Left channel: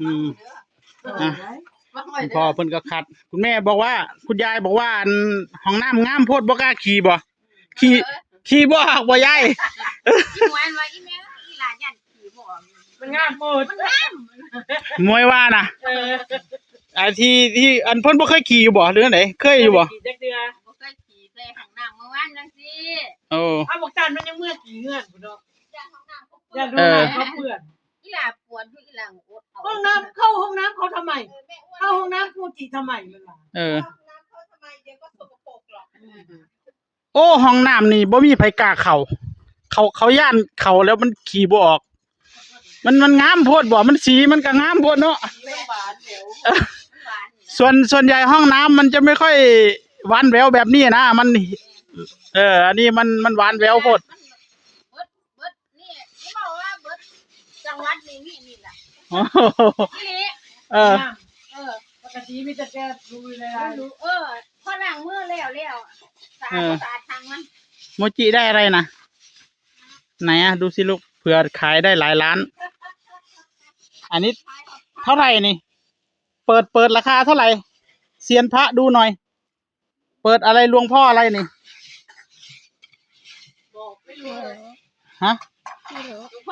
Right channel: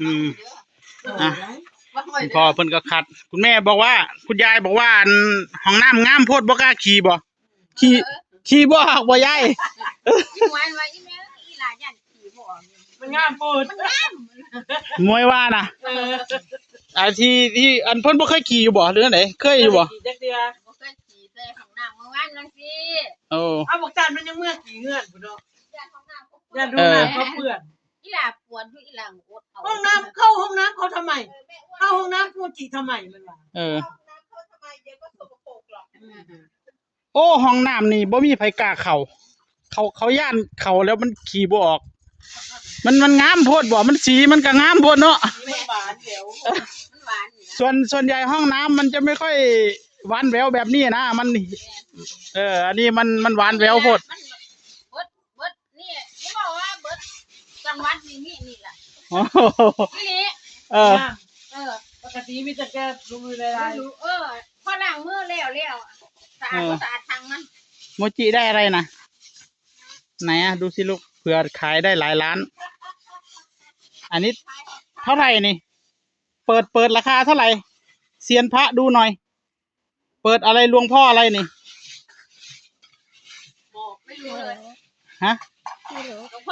อืมอ่ะคุณพ่อเพิ่นก็ขัด คุณแม่บอกว่า คุณยายบอกว่าอันห้องน้ำงามโพดบ่กล้าขี่บ่ขี่บ่ออกบ่ยาย อีหวานว่าอีแม่อีหลานยันขี่บ่มันงามโพด มันงาม มวยว่านะไอ้ที่อันเพิ่นบ่เคยขี่อยู่บ่หรืออันไหนเคยอยู่บ่ จักเดือ บ่เคยขี่ใส่ห้องน้ำเมื่อวานจังซี่ โอ้ เอาบอกจันมันยังเมื่อกี่เงื่อนพุ่นเนาะ ย่านห้องน้ำ อย่าดูนะเขาเปื่อน อีหลาปวดอยู่อีหลังอดเอา ห้องน้ำเข้าห้องน้ำเขาทำไมเข้าห้องน้ำฟูจิทำไมมันล่ะ เออ เขาทำไมเดี๋ยวก็สกปรกหรอก โอ้ห้องน้ำนี่บ่มีไผกล้าเขาย่านเขาแล้วมันขี่บ่ออก มันงามโพดบ่มันสีมันก็งามโพดเนาะ แม่บานเดี๋ยว หวานนี่นะ ส่วนใหญ่ห้องน้ำมันจะไม่ค่อยหวานแหววแบบนี้นะมันอันนี้มันหวานแหววโพด มันเบิดนี่อย่าบอกว่าเบิดจังหวัดนี่ล่ะ โอ้โห อีหลี เออ ปกติมีแต่แกดูเลย รู้พอล้างมือแล้วสะอาดบ่สะอาดทางมัน โมจิได้อะไรนะไหนอะดูสิลูกเผื่อขายได้หลายล้าน อันนี้เท่าไหร่นี่ เปิดราคาเท่าไหร่เซียนพระดูหน่อย เปิดอะไรหลวงพ่ออะไรนี่ ไม่รู้เลย ฮะ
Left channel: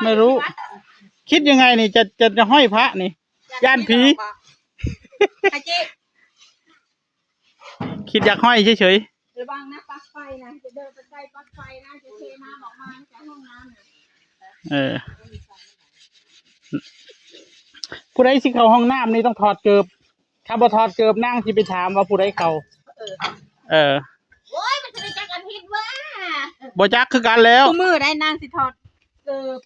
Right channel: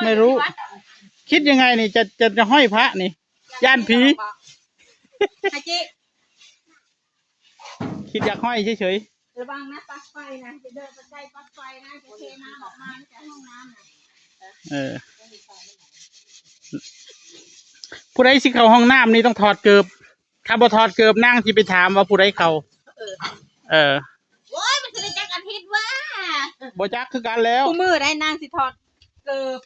ไม่รู้ คิดยังไงนี่จะห้อยพระนี่ ย่านผี ไอ้จิ คิดอยากห้อยเฉย ระวังนะปลั๊กไฟนะจะเดินไปใกล้ปลั๊กไฟนะจะเทน้ำออกมาจากห้องน้ำนะ ผู้ใดสิเข้าห้องน้ำนี่ต้องถอดเกิบถ้าบ่ถอดเกิบนั่งที่ไปถามว่าผู้ใดเข้าโอ้ยมันจะได้จักอาทิตย์ว่า บ่จักคือกันแล้ว ตู้มือได้นางสิถอดเกิบ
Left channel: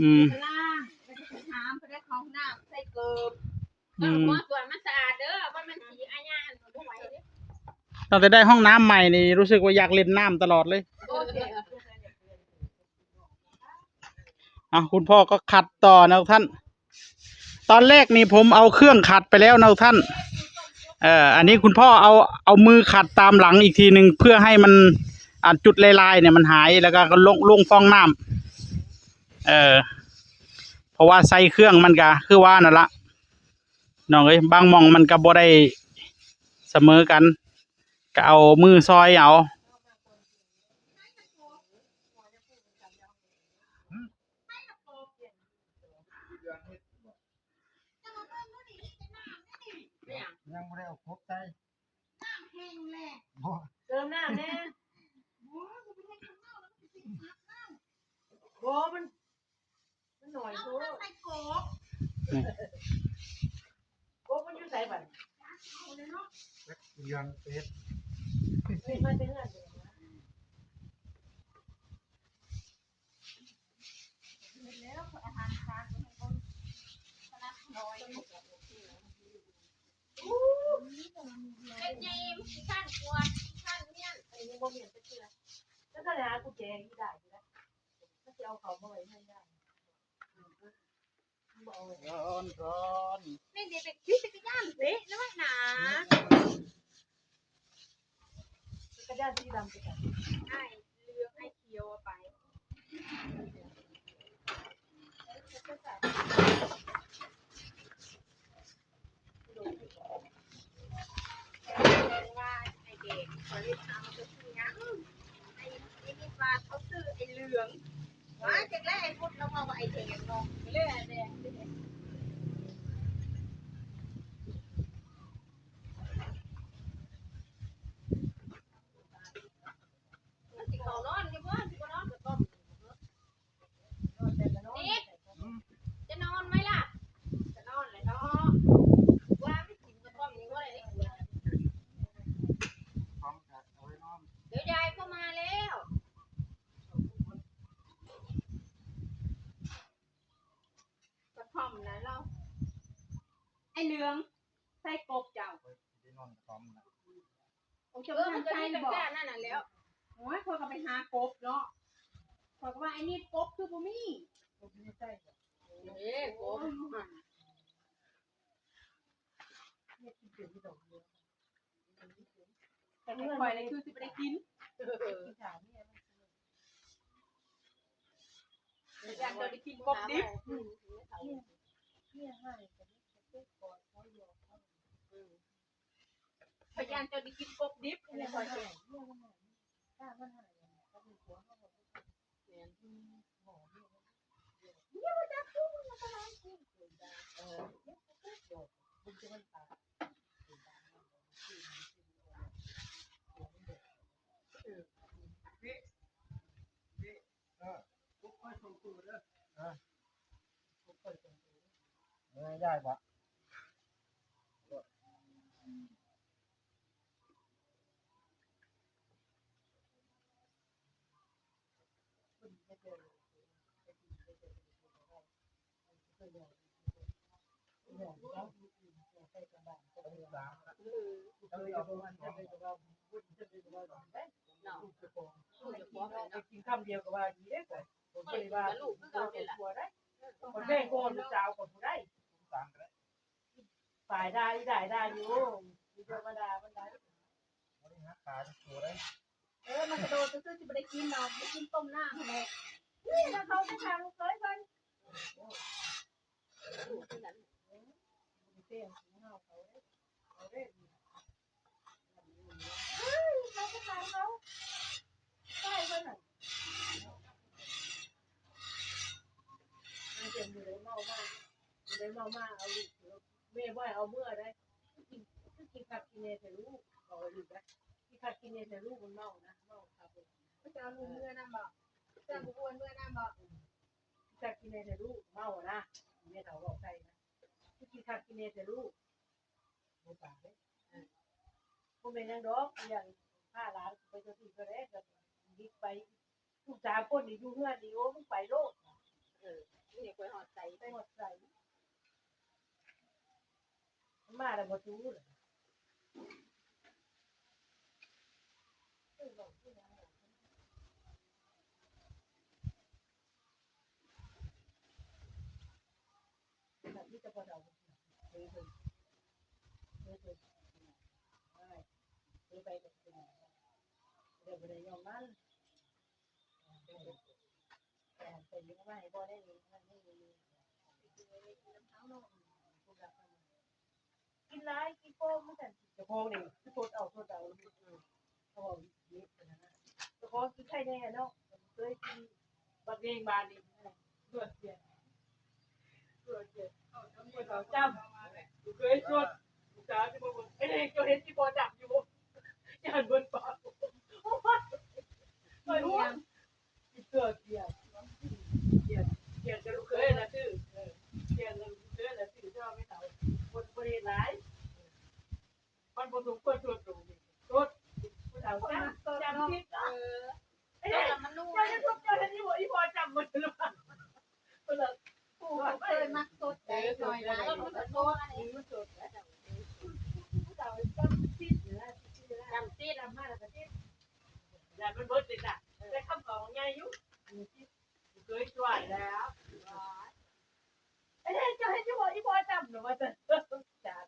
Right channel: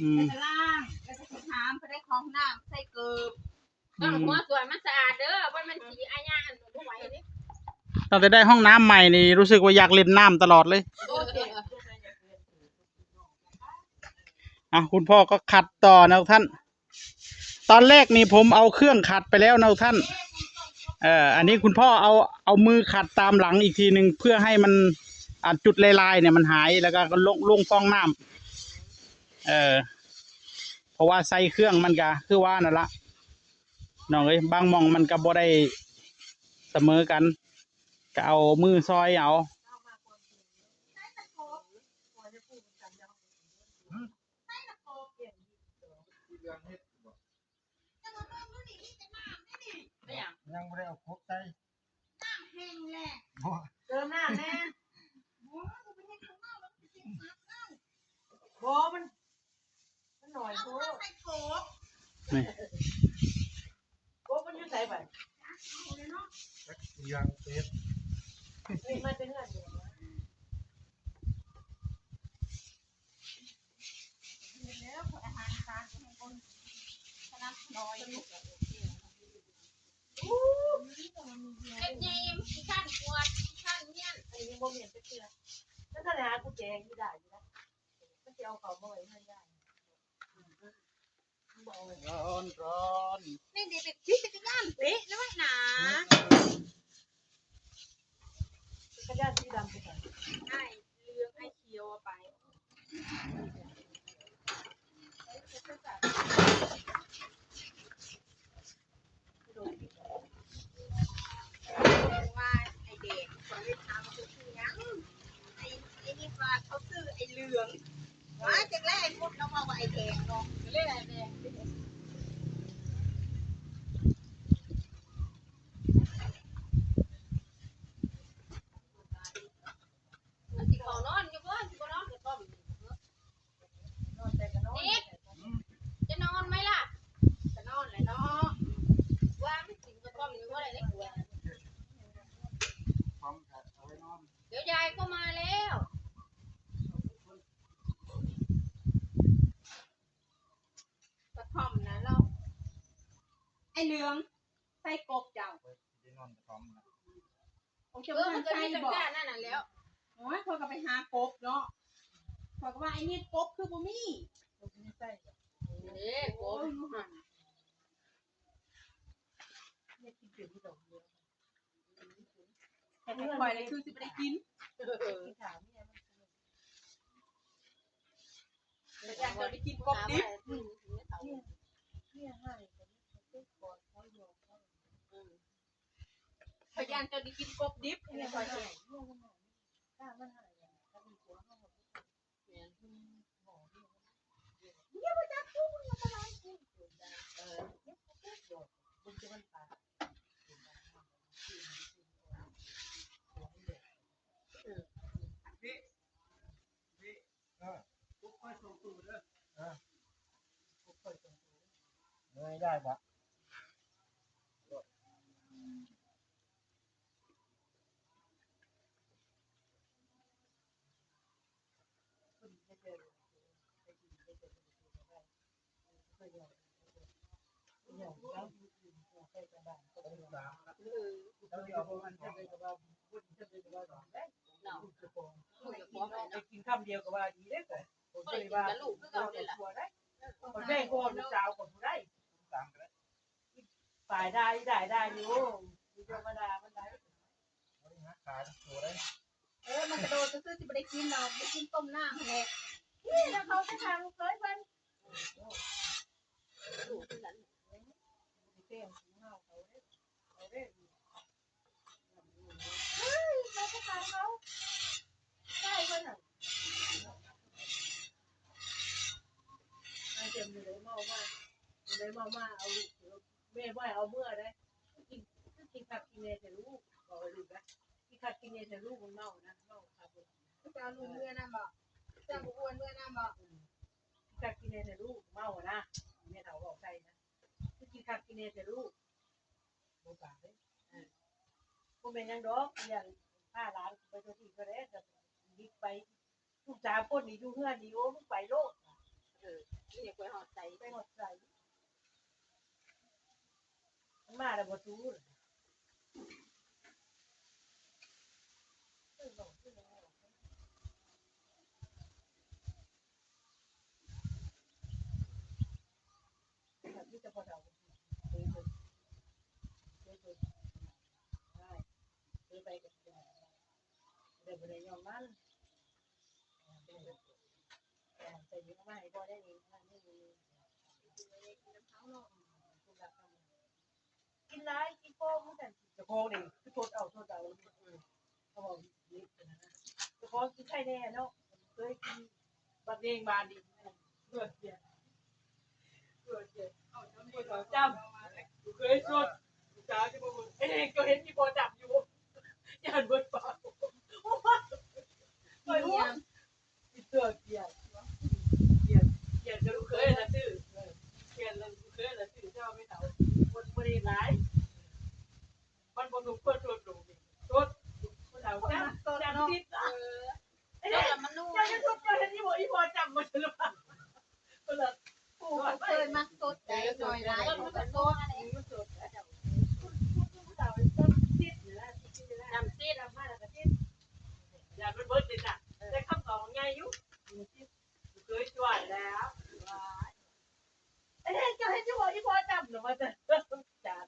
อืม ไปล่างแล้วก็สิถามไปได้ของน้ำใส่เกิบต้องหัวส่วนมันสะอาดเด้อว่ามันสีอาญาอันบ่ไหวเด้ ตั้งแต่ได้ห้องน้ำใหม่นี่รู้สึกว่าอยากเล่นน้ำตลอดเลยคุณพ่อก็ขัดต่อนะท่าน ตอนแรกนี่ผมเอาเครื่องขัดไปแล้วนะท่านอันนี้คุณพ่อเอามือขัดตามหลังอีกทีหนึ่งเพื่อให้มันจุดลายๆเนี่ยมันหายแล้วก็ลงฟองน้ำเพราะว่าใส่เครื่องมันก็คือว่านั่นละน้องเอ้ยบางหม่องมันก็บ่ได้เสมอกันก็เอามือซอยเอายังไม่ได้เอาครบใจ แห้งแหละ เติมหน้าแน่โบมันหน่อยโบ ใส่โกบ นี่ โบมันอยู่ไหนบ้าง ยังเป็ด มันเป็นเงื่อน แล้วอาหารทานคนคณะน้อยไอ้เจมส์ขั้นปวดขั้นเนี่ย ไอ้นี่โบเมียนไปเชื่อแล้วถ้าหากูแจงที่ได้นะก็จะเอาเขาบ่อยให้ได้ ร้อน นี่เด็กขี่จักรยานเละนะหนา กระยาสีดำไปกัน ไอ้เลือกไอ้เขียวไปว่าไอ้เด็กคนที่ทำก็คือยังไอ้นี่ว่าเขาซื้อไอ้เหลืองว่าจากแรกไอ้พุทธเรามาว่าไอ้แดงเนาะเรื่องไอ้แดงมันสิเขานอนอยู่บ่สิบ่นอนก็ต้มนิดจะนอนไหมล่ะจะนอนแหละเนาะว่าไม่กินก็ต้มอยู่บ่ได้เลยกลัว พร้อมกับเอาไว้นอน เดี๋ยวยายก็มาแล้วกระท่อมนะเราไอ้เหลืองใส่กบเจ้า ที่นอนพร้อมนะ ผมจะมันใส่บอกนั่นน่ะแล้วโอ้ยเขาก็ไปหากบเนาะเขาก็ว่าไอ้นี่กบคือบ่มีเด้กบแต่ไม่ปล่อยเลยคือสิไปได้กินอยากจะได้กินกบดิบ พยานจะได้กินกบดิบในซอยเสีย ถ้ามันหายถ้ามีหัวมันหมดบุญจะมันตา ปุ๊บค่อยส่งตู้เด้อไม่ได้ปะ กินคำเดียวก็ว่าดีได้แต่ผมก็เลยว่าลูกก็เอาได้คนแม่ก็ลูกสาวก็ผู้ได้ฝ่ายได้อยู่ธรรมดามันได้ บริหารขาตัวได้ มันกระโดดซื้อจะไปได้กินเราไม่กินต้มหน้าแหละ นี่แล้วเขาไปทางเคยมันเต้นเมาเขาเด้เขาไปทางเขาใช่เพิ่นน่ะอาจจะมีเมามากเอาลูกแม่ว่าเอาเมื่อได้กินผักกินเนยแต่ลูกบอกเลยนะกินผักกินเนยแต่ลูกมันเมานะเมาครับ จะเอาลุงเมื่อน้ำบอกจะบุอ้วนเมื่อน้ำบอก กินกินเนแต่ลูกเมาอะนะแม่เฒ่าบอกใครนะกินข้าวกินเนแต่ลูกโอ้ตายกูเป็นยังดอกอย่าง5 ล้านไปตัวที่ก็ได้จะบิ๊กไปลูกสาวคนนี่อยู่เฮือนนี่โอ้มึงไปโลก นี่กล้วยหอดใส่ ไปหมดใจมาแล้วบ่ทู้เลยนี่จะพอเฒ่าเคยได้ไปกับเดี๋ยวบ่ได้ยอมมันใส่เยอะมากให้บ่ได้นี่มันไม่มีกินหลายกินโป่งเหมือนกันเจ้าของนี่คือโทษเอาเขาบอกนี่นะเจ้าของคือใครแน่เนาะเคยกินบักเดงบานนี่เลือดเสียเอาทำมือต่อจำเคยสวดจ้าที่บ่ไอ้เด็กก็เห็นที่บ่จับอยู่ย่านเบิดปากไปหัวเสื้อเกียร์ก็ลูกเคยนะชื่อเกียร์ลูกเคยนะชื่อเจ้าไม่เฒ่าคนบ่ได้หลายมันบ่รู้เพิ่นตัวตรงนี่ตัวเฒ่าจำติดไอ้เด็ก มันนุ่ม ยังทุกคนที่บ่อีพอจำบ่ได้หรอกเพิ่น กูเคยมาสดใจหน่อยนะมันก็โตอะไร มันสดแล้วเฒ่าต้นติดนะจำติดมาแล้วก็ติดอย่ามันเบิดติดน่ะแต่คำตอบใหญ่อยู่เคยช่วยแล้วไอ้เด็กจะให้จะบอกอีพอจำหนูว่าจะจัด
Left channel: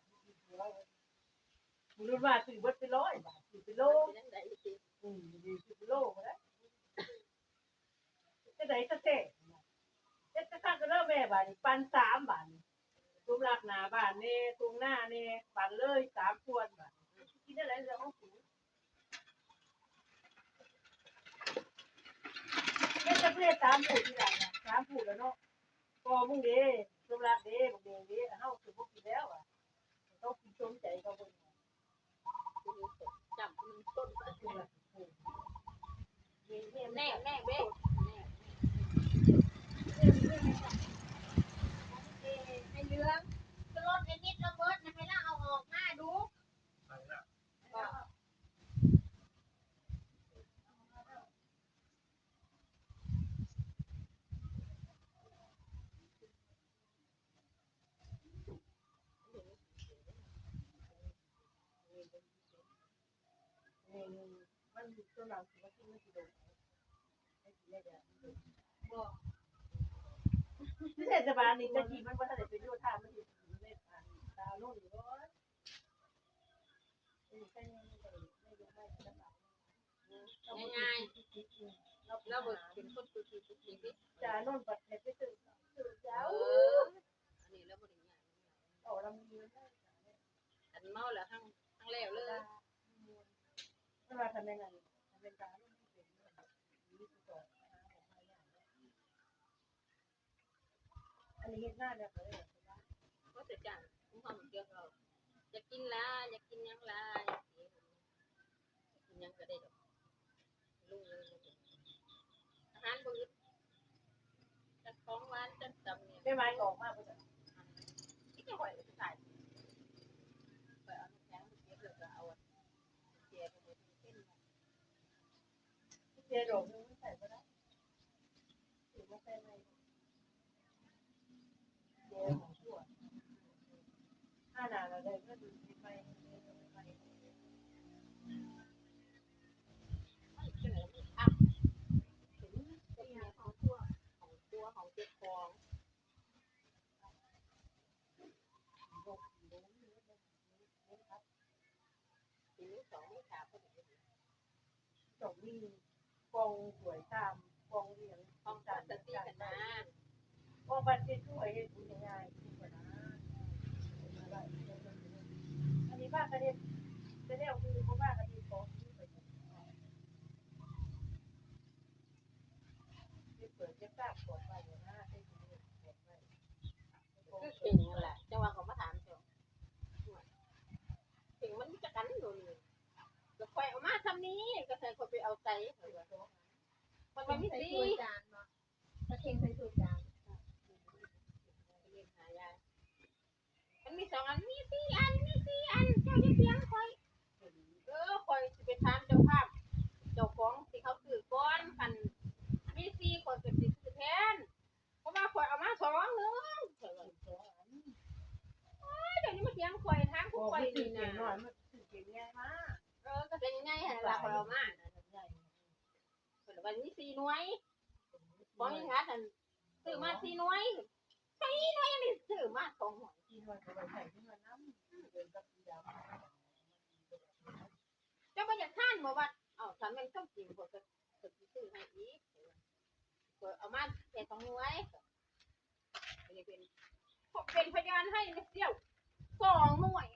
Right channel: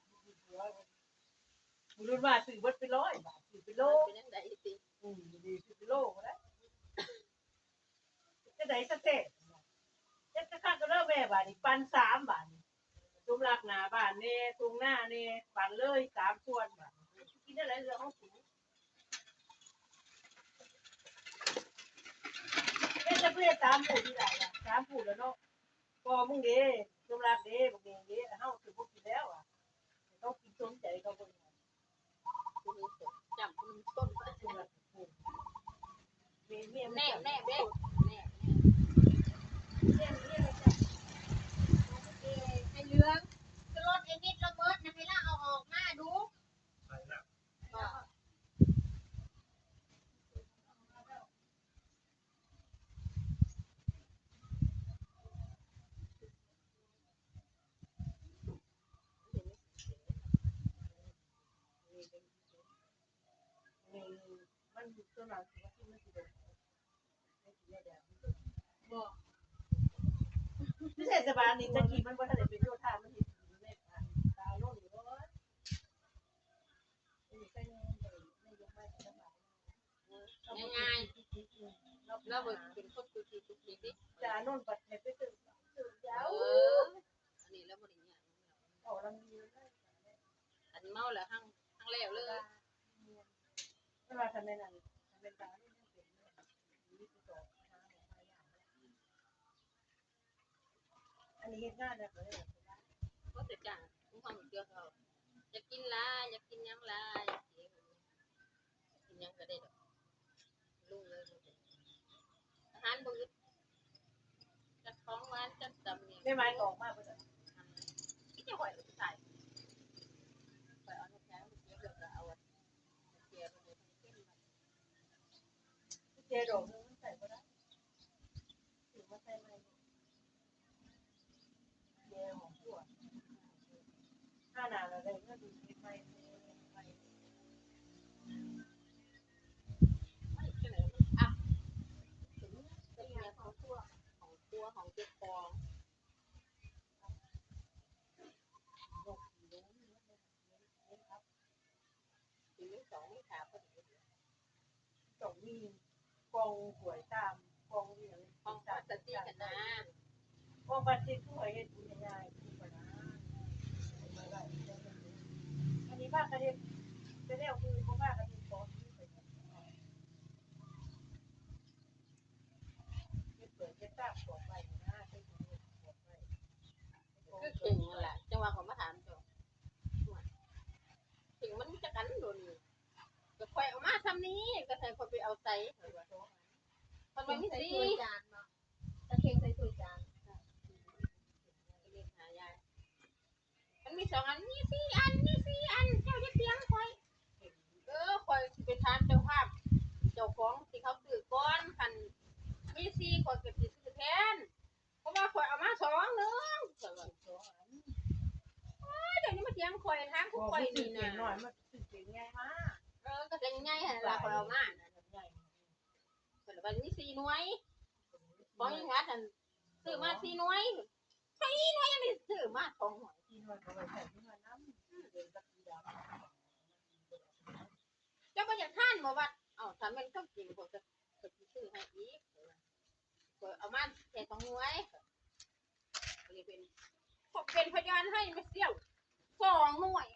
รุ่นมาซื้อเบิดไป100 บาทซื้อไปโล เป็นยังไงสิ ดีซื้อไปโลก็ได้จะได้สเต็กจะข้างก็เริ่มแม่บาทอีกปัน3 บาทตุ้มรักหนาบ้านเน่ตรงหน้าเน่ปันเลย3 ส่วนบาทกินอะไรเรื่องของสูงแม่จะเปลี่ยน3 ผู้ที่ไหนล่ะ3 ผู้แล้วเนาะพอมึงเด้ตุ้มรักเด้มึงเด้เฮาคือพวกกินแล้วอ่ะต้องกินสมใจเขาบ่ จับมันต้น ตุ้มรักเมีย แน่แน่เบ๊แน่ไอ้เหลืองจะลดไอ้นิดระเบิดนะให้ล่าเอาออกมาดู ไปแล้ว มันต้นหลังสิว่าที่มันสิเด้บ่เทศบาลนี่จะขี่มันบ่ทันได้ไปโยธามันเฮ็ดอยู่ในตาโน่นอยู่บ่ง่ายๆแล้วเบิกเป็นคนคุยดิ จาโน่นบัดให้ไปตื่นยาว อันนี้แล้วบริญญา ออกลำนี้แล้ว อันเมาแล้วหั่งแล้วเลย เ ว่าทำไมนั่นเป็นตาลูกเป็นอันนี้เฮ็ดงานเนี่ยเลยก็จะจ้างคุณพ่อเยอะเราจะกินละอยากกินยังละกินยังก็ได้ดอกลูกเลยอาหารมื้อจัดของหวานจัดตำเนี่ยไม่ไม้ของมากเลยที่จะไหวหรือใส่ไปเอาแค่เดี๋ยวจะเอาเกียร์เกียร์โดดนึงใส่ก็ได้ถือว่าใส่ไหมเกียร์ของตัวห้าหนาเราเลยก็ดูไปของเจ็บคอทีนี้สองไม่ขาพอดีสองมีกองหวยตามกองเรียนกองสติกันนะกองบัตรที่ช่วยเห็นง่ายอันนี้บ้านก็จะได้เอาคือเพราะว่าก็มีของไปเปิดเจ็บตาปวดไปนะก็เก่งแหละจังหวะของมาถามจบเก่งมันจะกันโดนก็คอยเอามาทำนี้ก็ใส่คนไปเอาใจมันไม่มีสีจานเนาะตะเคียงใส่ถ้วยจานมันมี2 อันมี4 อันมี4 อันเจ้าจะเสียงคอยคอยสิไปทานเจ้าภาพเจ้าของที่เขาซื้อก้อนกันมี4คนก็สิซื้อแทนเพราะว่าคอยเอามา2 นึงเดี๋ยวนี้มาเถียงคอยทางคุกคอยนี่นะก็จะง่ายๆละคอยเอามาแต่วันนี้4 หน่วยบอกยังไงท่านซื้อมา4 หน่วย4 หน่วยยังได้ซื้อมา2 หน่วยเจ้าก็อยากทานบ่ว่าถ้ามันต้องกินพอจะซื้อให้อีกเอามาแค่2 หน่วยเป็นพยานให้ไม่เสี้ยว2 หน่วย